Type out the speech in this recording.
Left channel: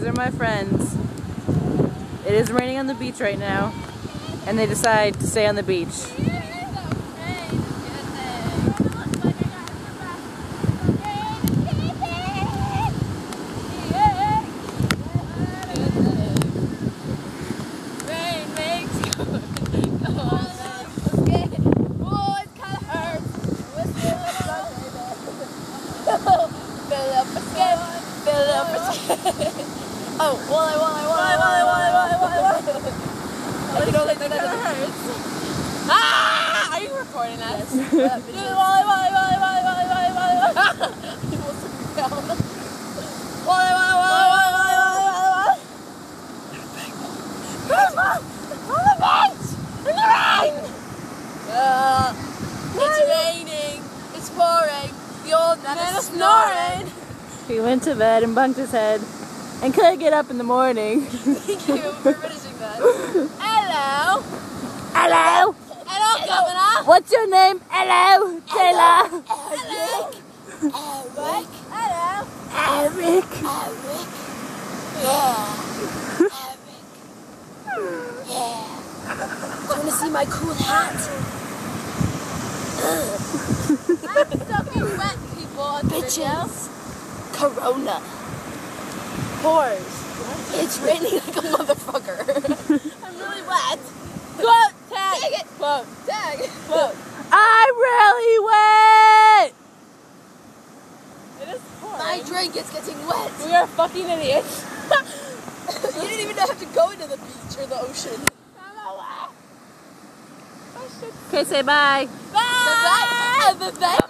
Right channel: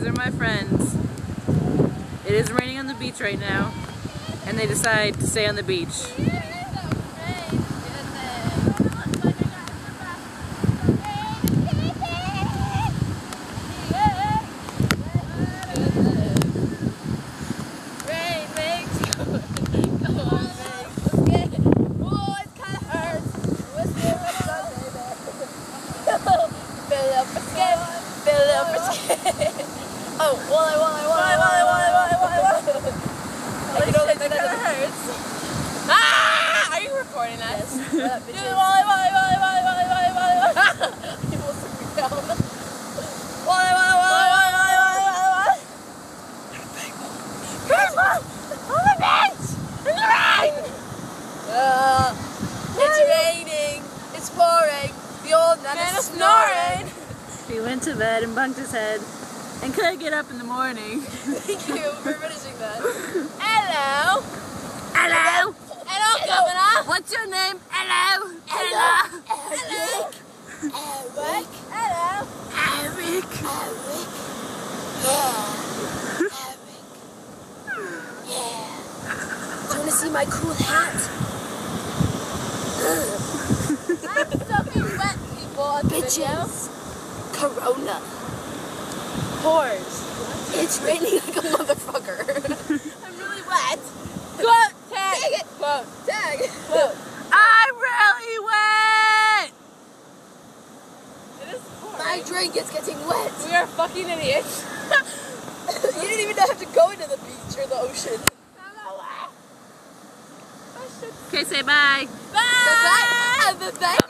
These are my friends. It is raining on the beach right now, and they decide to stay on the beach. Oh, why? That hurts. Ah! Are you recording us? Why? It's raining. It's pouring. The old man is snoring. He went to bed and bumped his head and couldn't get up in the morning. Thank you for finishing that. Hello. Hello. Hello, Governor. What's your name? Hello. Taylor. Hello. Eric. Hello. Eric. Yeah. Do you want to see my cool hat? I'm soaking wet, people, on the video. Corona. Whores. It's raining like a motherfucker. I'm really wet. Quote, tag. Quote, tag. Quote. I'm really wet. It is pouring. My drink is getting wet. We are fucking idiots. You didn't even have to go into the beach or the ocean. Okay, say bye. Bye. Bye.